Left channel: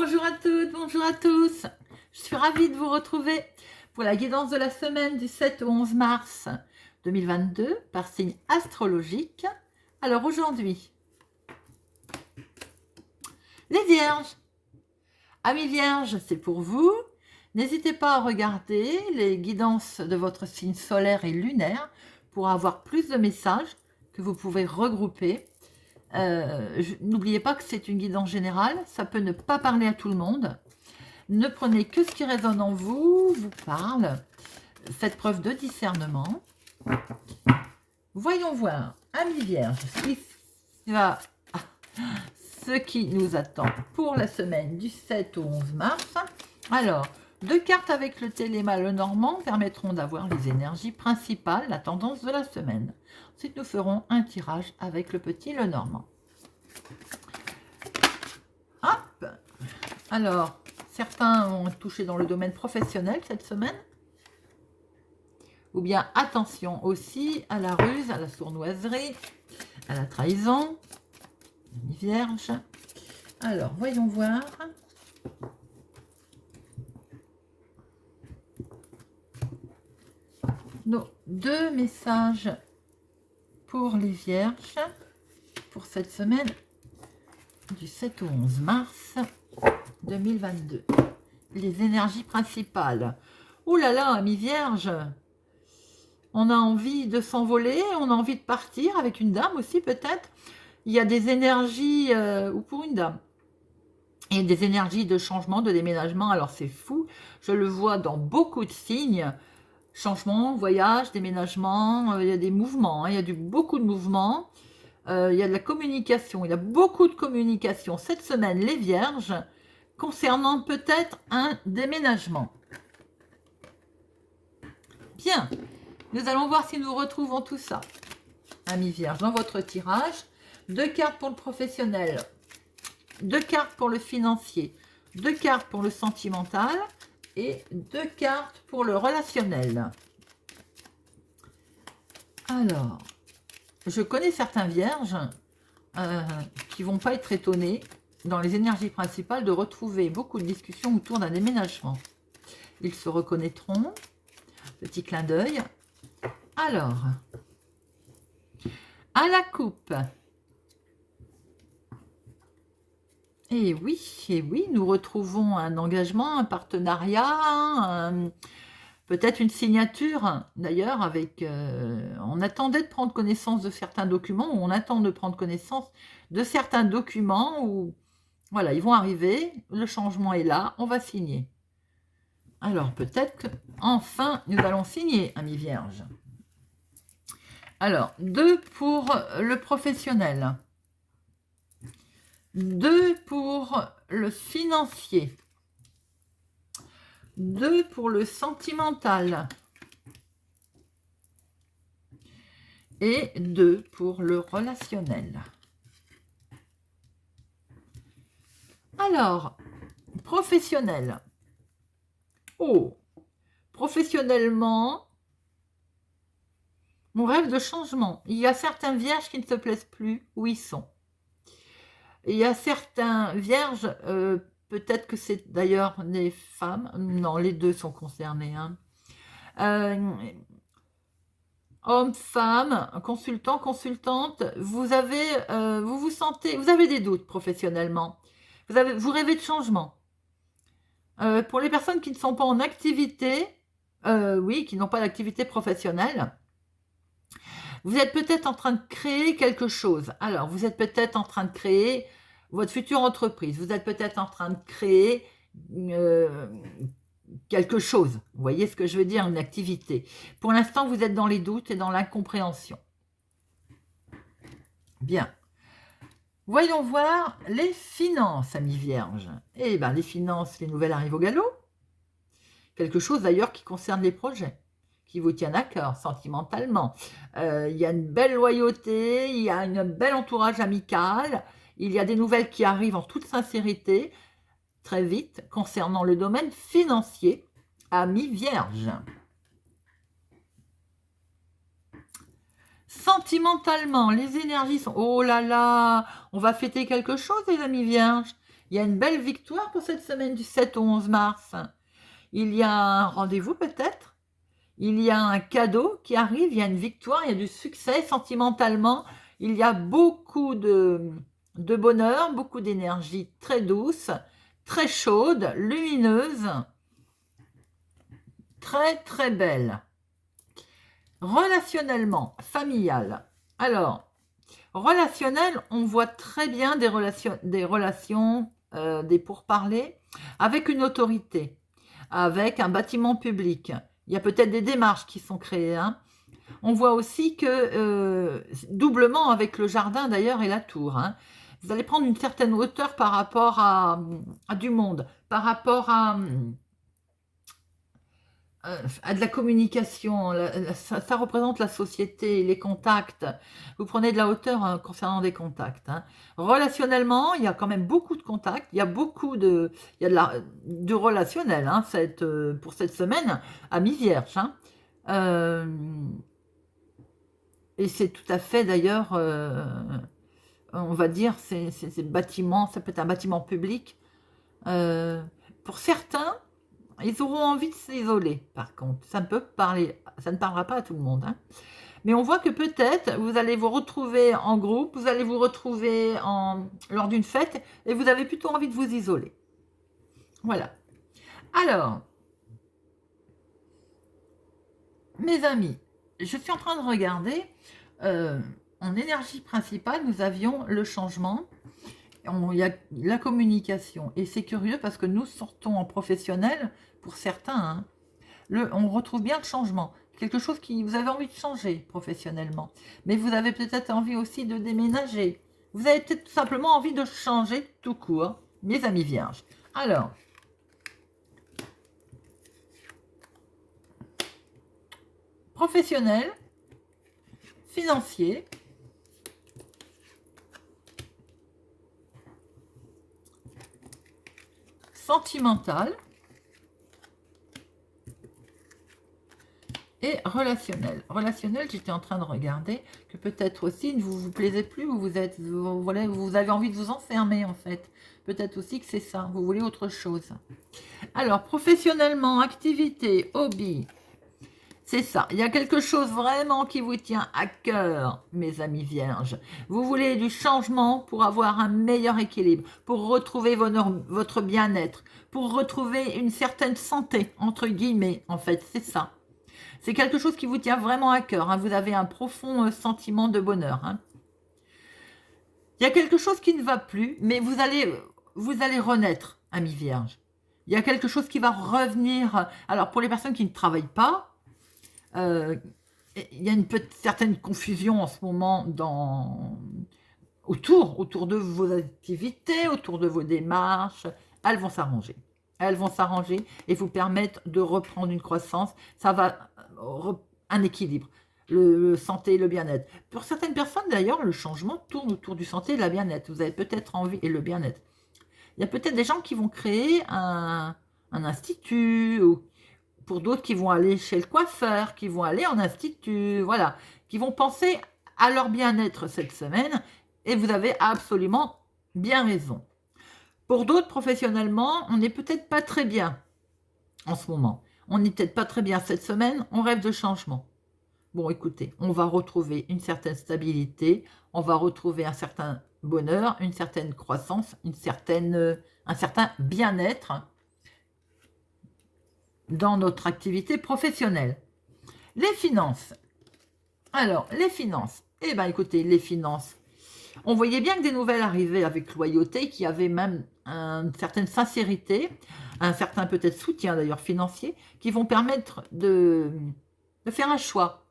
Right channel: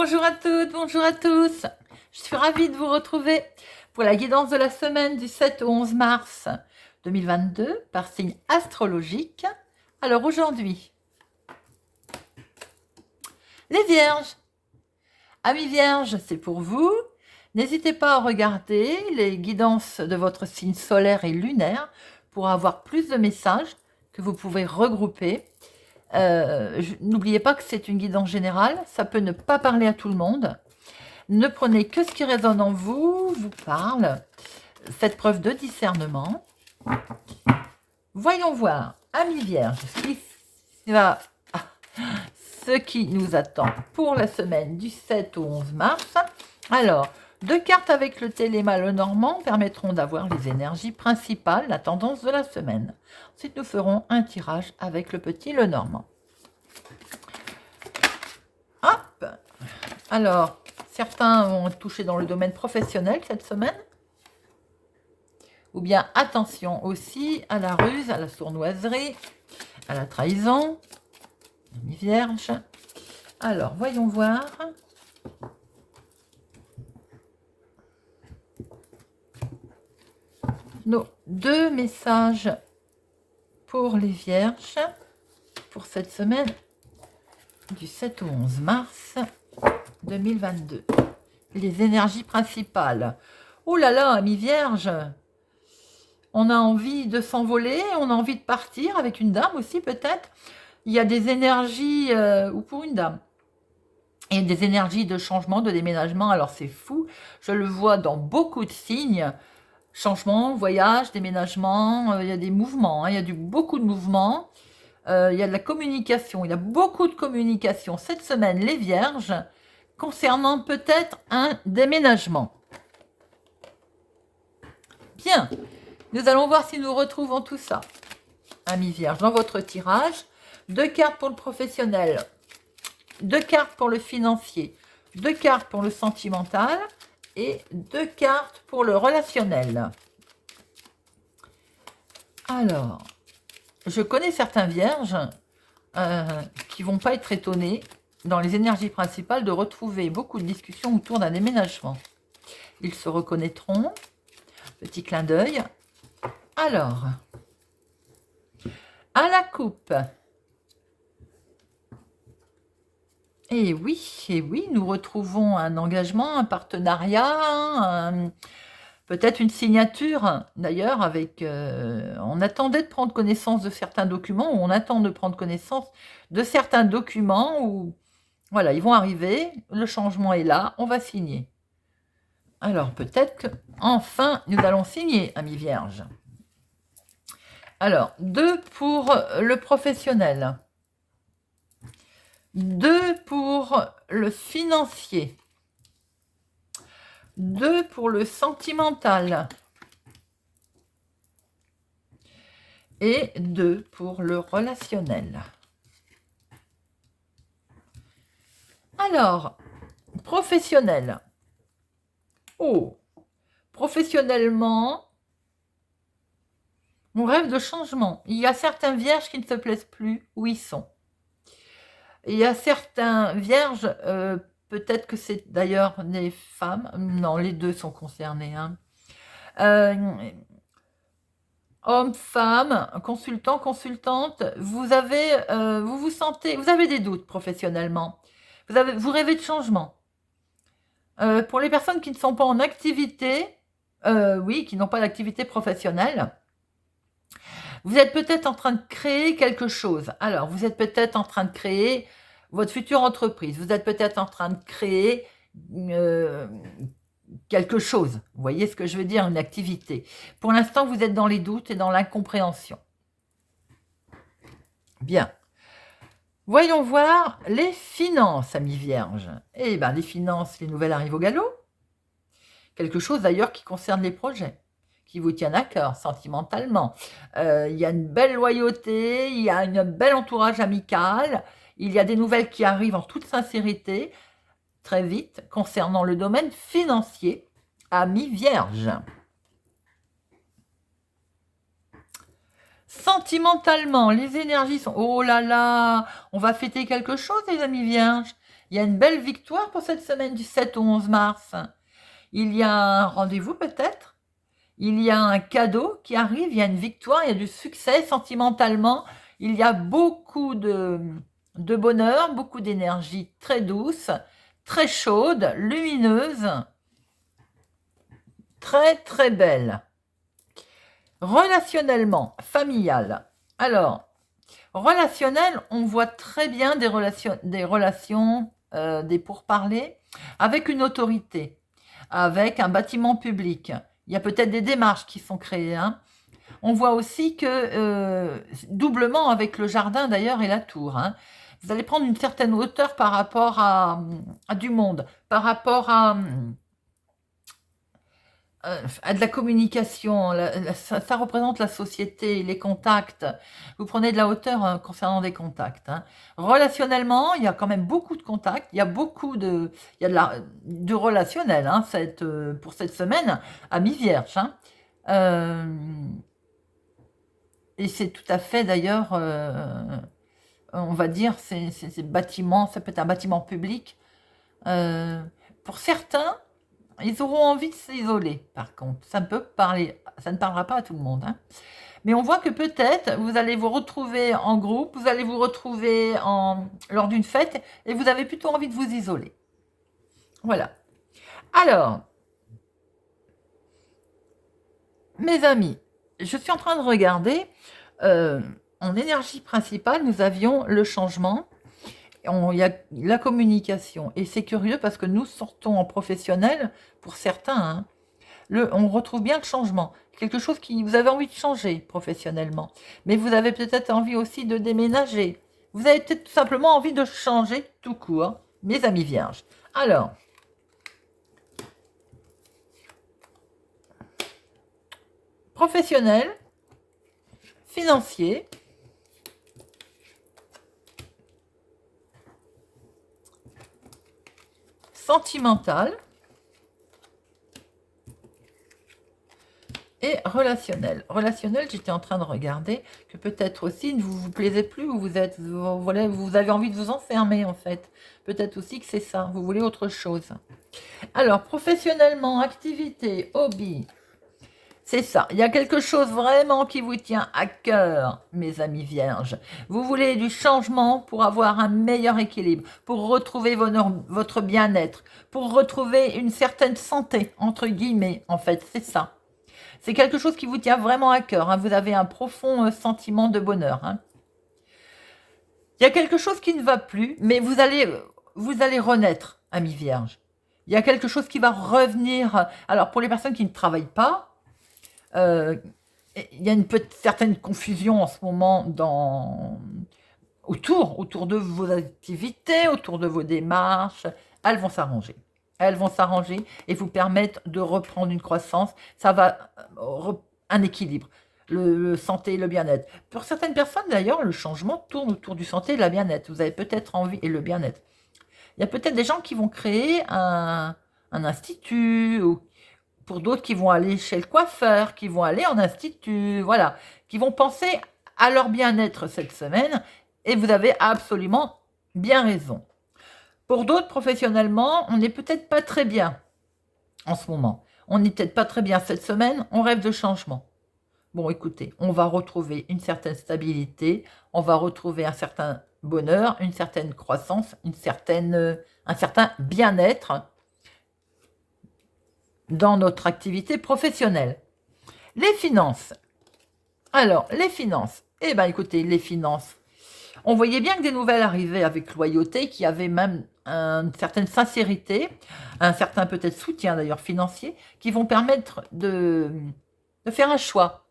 Bonjour à toutes, bonjour à tous. Je suis ravie de vous retrouver pour la guidance de la semaine du 7 au 11 mars 2022 par signe astrologique. Alors aujourd'hui, les Vierges. Amis Vierges, c'est pour vous. N'hésitez pas à regarder les guidances de votre signe solaire et lunaire pour avoir plus de messages que vous pouvez regrouper. N'oubliez pas que c'est une guidance générale, ça peut ne pas parler à tout le monde. Ne prenez que ce qui résonne en vous, vous parle. Faites preuve de discernement. Voyons voir, amis vierges, ce qui nous attend pour la semaine du 7 au 11 mars. Alors, 2 cartes avec le téléma Lenormand permettront d'avoir les énergies principales, la tendance de la semaine. Ensuite, nous ferons un tirage avec le petit Lenormand. Hop. Alors, certains vont toucher dans le domaine professionnel cette semaine. Ou bien attention aussi à la ruse, à la sournoiserie, à la trahison. Les vierges. Alors, voyons voir. Nos 2 messages pour les vierges pour cette semaine du 7 au 11 mars 2022. Les énergies principales. Oh là là, amis vierges, on a envie de s'envoler, on a envie de partir avec une dame aussi peut-être. Il y a des énergies, ou pour une dame, et des énergies de changement, de déménagement. Alors c'est fou, je le vois dans beaucoup de signes. Changement, voyage, déménagement, il y a des mouvements, hein, il y a beaucoup de mouvements. Il y a de la communication, il y a beaucoup de communication cette semaine, les vierges, concernant peut-être un déménagement. Bien, nous allons voir si nous retrouvons tout ça. Amis vierges, dans votre tirage, 2 cartes pour le professionnel, 2 cartes pour le financier, 2 cartes pour le sentimental et 2 cartes pour le relationnel. Alors, je connais certains vierges qui vont pas être étonnés dans les énergies principales de retrouver beaucoup de discussions autour d'un déménagement. Ils se reconnaîtront. Petit clin d'œil. Alors, à la coupe. Et oui, nous retrouvons un engagement, un partenariat, peut-être une signature, d'ailleurs, avec... on attendait de prendre connaissance de certains documents, ou on attend de prendre connaissance de certains documents, où, voilà, ils vont arriver, le changement est là, on va signer. Alors, peut-être qu'enfin, nous allons signer, amis vierges. Alors, 2 pour le professionnel. 2 pour le financier. 2 pour le sentimental. Et 2 pour le relationnel. Alors, professionnel. Oh, professionnellement, on rêve de changement. Il y a certains vierges qui ne se plaisent plus où ils sont. Il y a certains vierges, peut-être que c'est d'ailleurs des femmes, non, les deux sont concernés. Hein. Hommes, femmes, consultants, consultantes, vous vous sentez, vous avez des doutes professionnellement. Vous rêvez de changement. Pour les personnes qui ne sont pas en activité, oui, qui n'ont pas d'activité professionnelle, vous êtes peut-être en train de créer quelque chose. Alors, vous êtes peut-être en train de créer votre future entreprise. Vous êtes peut-être en train de créer quelque chose. Vous voyez ce que je veux dire, une activité. Pour l'instant, vous êtes dans les doutes et dans l'incompréhension. Bien. Voyons voir les finances, amis vierges. Eh bien, les finances, les nouvelles arrivent au galop. Quelque chose d'ailleurs qui concerne les projets, qui vous tiennent à cœur sentimentalement. Il y a une belle loyauté, il y a un bel entourage amical, il y a des nouvelles qui arrivent en toute sincérité, très vite, concernant le domaine financier, amis vierges. Sentimentalement, les énergies sont... Oh là là, on va fêter quelque chose, les amis vierges. Il y a une belle victoire pour cette semaine du 7 au 11 mars. Il y a un rendez-vous peut-être. Il y a un cadeau qui arrive, il y a une victoire, il y a du succès sentimentalement. Il y a beaucoup de bonheur, beaucoup d'énergie très douce, très chaude, lumineuse, très très belle. Relationnellement, familial. Alors, relationnel, on voit très bien des relations, des pourparlers avec une autorité, avec un bâtiment public. Il y a peut-être des démarches qui sont créées. Hein. On voit aussi que, doublement avec le jardin d'ailleurs et la tour, hein, vous allez prendre une certaine hauteur par rapport à du monde, par rapport à de la communication. Ça représente la société, les contacts. Vous prenez de la hauteur hein, concernant des contacts. Hein. Relationnellement, il y a quand même beaucoup de contacts. Il y a beaucoup il y a du relationnel hein, pour cette semaine à mi-vierge. Hein. Et c'est tout à fait d'ailleurs, on va dire, c'est bâtiment, ça peut être un bâtiment public. Pour certains, ils auront envie de s'isoler, par contre. Ça ne parlera pas à tout le monde. Hein. Mais on voit que peut-être vous allez vous retrouver en groupe, vous allez vous retrouver lors d'une fête et vous avez plutôt envie de vous isoler. Voilà. Alors, mes amis, je suis en train de regarder. En énergie principale, nous avions le changement. Il y a la communication. Et c'est curieux parce que nous sortons en professionnel, pour certains, hein, on retrouve bien le changement. Quelque chose qui vous avez envie de changer professionnellement. Mais vous avez peut-être envie aussi de déménager. Vous avez peut-être tout simplement envie de changer tout court, mes amis vierges. Alors, professionnel, financier, sentimental et relationnel. Relationnel, j'étais en train de regarder que peut-être aussi ne vous plaisez plus, vous avez envie de vous enfermer en fait. Peut-être aussi que c'est ça, vous voulez autre chose. Alors, professionnellement, activité, hobby, c'est ça. Il y a quelque chose vraiment qui vous tient à cœur, mes amis vierges. Vous voulez du changement pour avoir un meilleur équilibre, pour retrouver votre bien-être, pour retrouver une certaine santé, entre guillemets, en fait, c'est ça. C'est quelque chose qui vous tient vraiment à cœur. Hein. Vous avez un profond sentiment de bonheur. Hein. Il y a quelque chose qui ne va plus, mais vous allez renaître, amis vierges. Il y a quelque chose qui va revenir. Alors, pour les personnes qui ne travaillent pas, il y a une certaine confusion en ce moment autour de vos activités, autour de vos démarches. Elles vont s'arranger. Elles vont s'arranger et vous permettre de reprendre une croissance. Ça va un équilibre. Le santé et le bien-être. Pour certaines personnes, d'ailleurs, le changement tourne autour du santé et de la bien-être. Vous avez peut-être envie, et le bien-être. Il y a peut-être des gens qui vont créer un institut, ou pour d'autres qui vont aller chez le coiffeur, qui vont aller en institut, voilà, qui vont penser à leur bien-être cette semaine, et vous avez absolument bien raison. Pour d'autres, professionnellement, on n'est peut-être pas très bien en ce moment. On n'est peut-être pas très bien cette semaine, on rêve de changement. Bon, écoutez, on va retrouver une certaine stabilité, on va retrouver un certain bonheur, une certaine croissance, un certain bien-être dans notre activité professionnelle. Les finances. Alors, les finances. Eh bien, écoutez, les finances. On voyait bien que des nouvelles arrivaient avec loyauté, qui avaient même une certaine sincérité, un certain peut-être soutien d'ailleurs financier, qui vont permettre de faire un choix.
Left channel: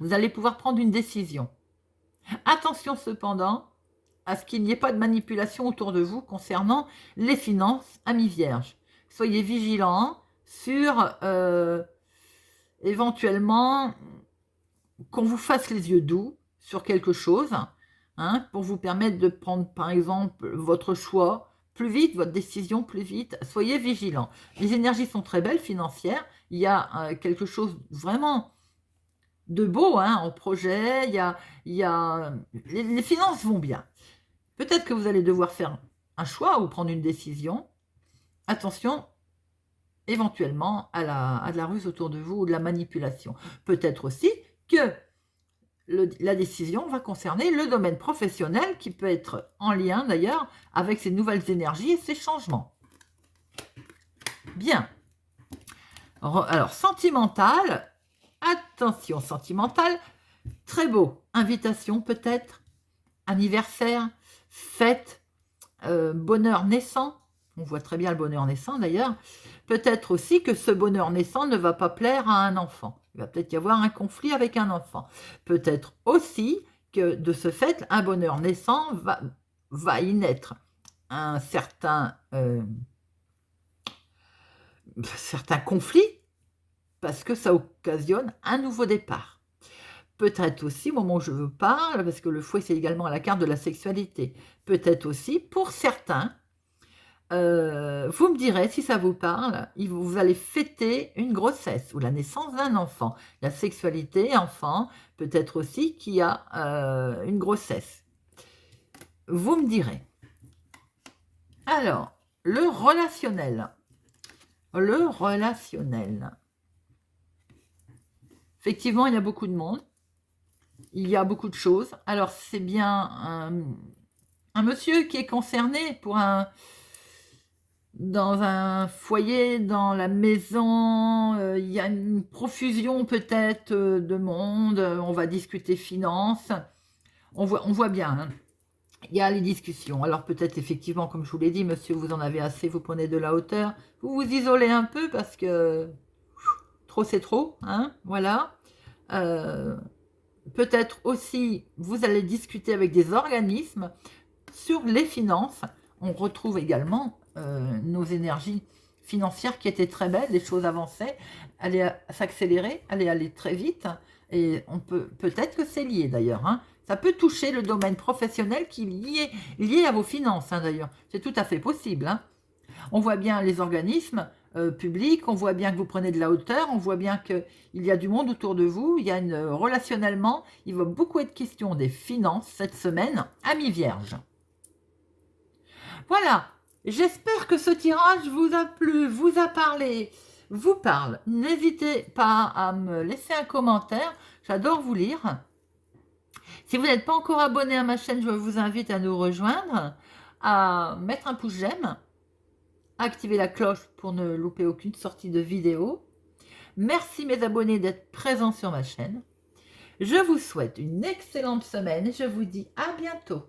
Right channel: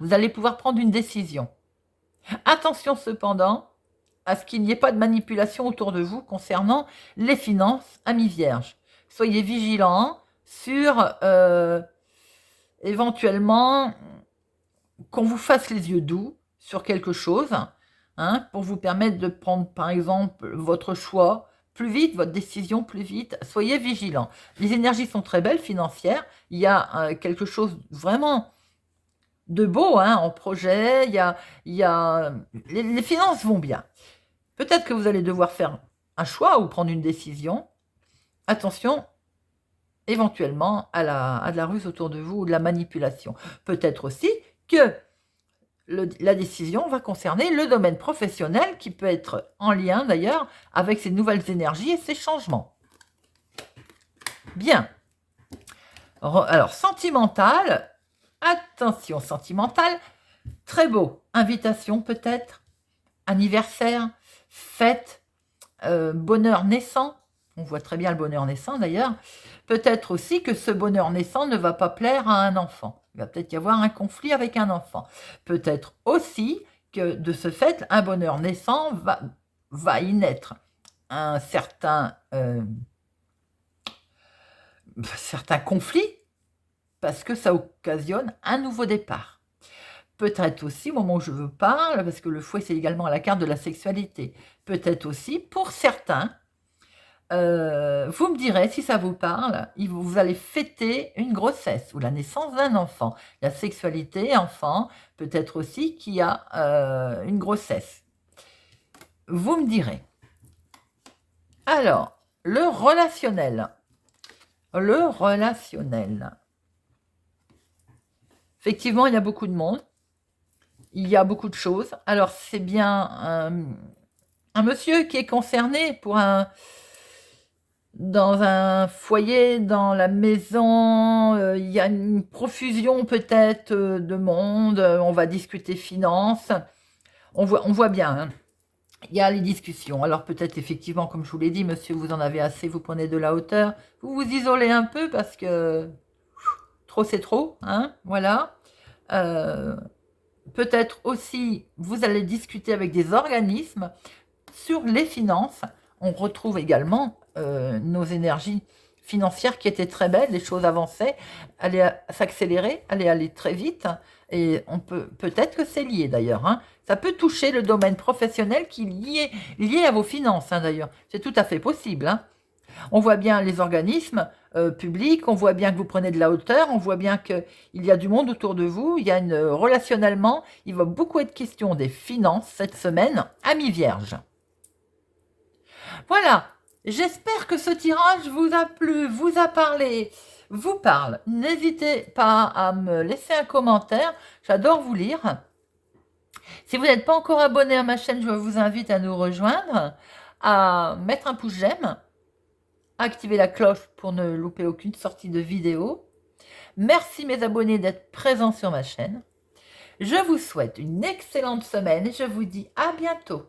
Vous allez pouvoir prendre une décision. Attention cependant à ce qu'il n'y ait pas de manipulation autour de vous concernant les finances, amis vierges. Soyez vigilants sur éventuellement qu'on vous fasse les yeux doux sur quelque chose, hein, pour vous permettre de prendre par exemple votre choix plus vite, votre décision plus vite. Soyez vigilants. Les énergies sont très belles financières. Il y a quelque chose vraiment de beau hein, en projet. Les finances vont bien. Peut-être que vous allez devoir faire un choix ou prendre une décision, attention éventuellement à de la ruse autour de vous ou de la manipulation. Peut-être aussi que la décision va concerner le domaine professionnel qui peut être en lien d'ailleurs avec ces nouvelles énergies et ces changements. Bien. Alors, sentimental, attention, sentimental, très beau. Invitation peut-être, anniversaire, fête, bonheur naissant. On voit très bien le bonheur naissant d'ailleurs. Peut-être aussi que ce bonheur naissant ne va pas plaire à un enfant. Il va peut-être y avoir un conflit avec un enfant. Peut-être aussi que de ce fait, un bonheur naissant va y naître un certain conflit parce que ça occasionne un nouveau départ. Peut-être aussi, au moment où je vous parle, parce que le fouet c'est également la carte de la sexualité, peut-être aussi pour certains, vous me direz si ça vous parle, vous allez fêter une grossesse ou la naissance d'un enfant. La sexualité, enfant, peut-être aussi qu'il y a une grossesse. Vous me direz. Alors, le relationnel. Le relationnel. Effectivement, il y a beaucoup de monde. Il y a beaucoup de choses. Alors, c'est bien un monsieur qui est concerné dans un foyer, dans la maison, il y a une profusion peut-être de monde, on va discuter finances, on voit bien, hein. Il y a les discussions. Alors peut-être effectivement, comme je vous l'ai dit, monsieur, vous en avez assez, vous prenez de la hauteur, vous vous isolez un peu parce que trop c'est trop, hein, voilà. Peut-être aussi, vous allez discuter avec des organismes sur les finances. On retrouve également nos énergies financières qui étaient très belles, les choses avançaient, allaient s'accélérer, allaient aller très vite, et on peut-être que c'est lié d'ailleurs, hein. Ça peut toucher le domaine professionnel qui est lié à vos finances, hein, d'ailleurs. C'est tout à fait possible, hein. On voit bien les organismes publics, on voit bien que vous prenez de la hauteur, on voit bien qu'il y a du monde autour de vous, il y a relationnellement, il va beaucoup être question des finances cette semaine, amis vierges. Voilà, j'espère que ce tirage vous a plu, vous a parlé, vous parle. N'hésitez pas à me laisser un commentaire, j'adore vous lire. Si vous n'êtes pas encore abonné à ma chaîne, je vous invite à nous rejoindre, à mettre un pouce j'aime, à activer la cloche pour ne louper aucune sortie de vidéo. Merci mes abonnés d'être présents sur ma chaîne. Je vous souhaite une excellente semaine et je vous dis à bientôt.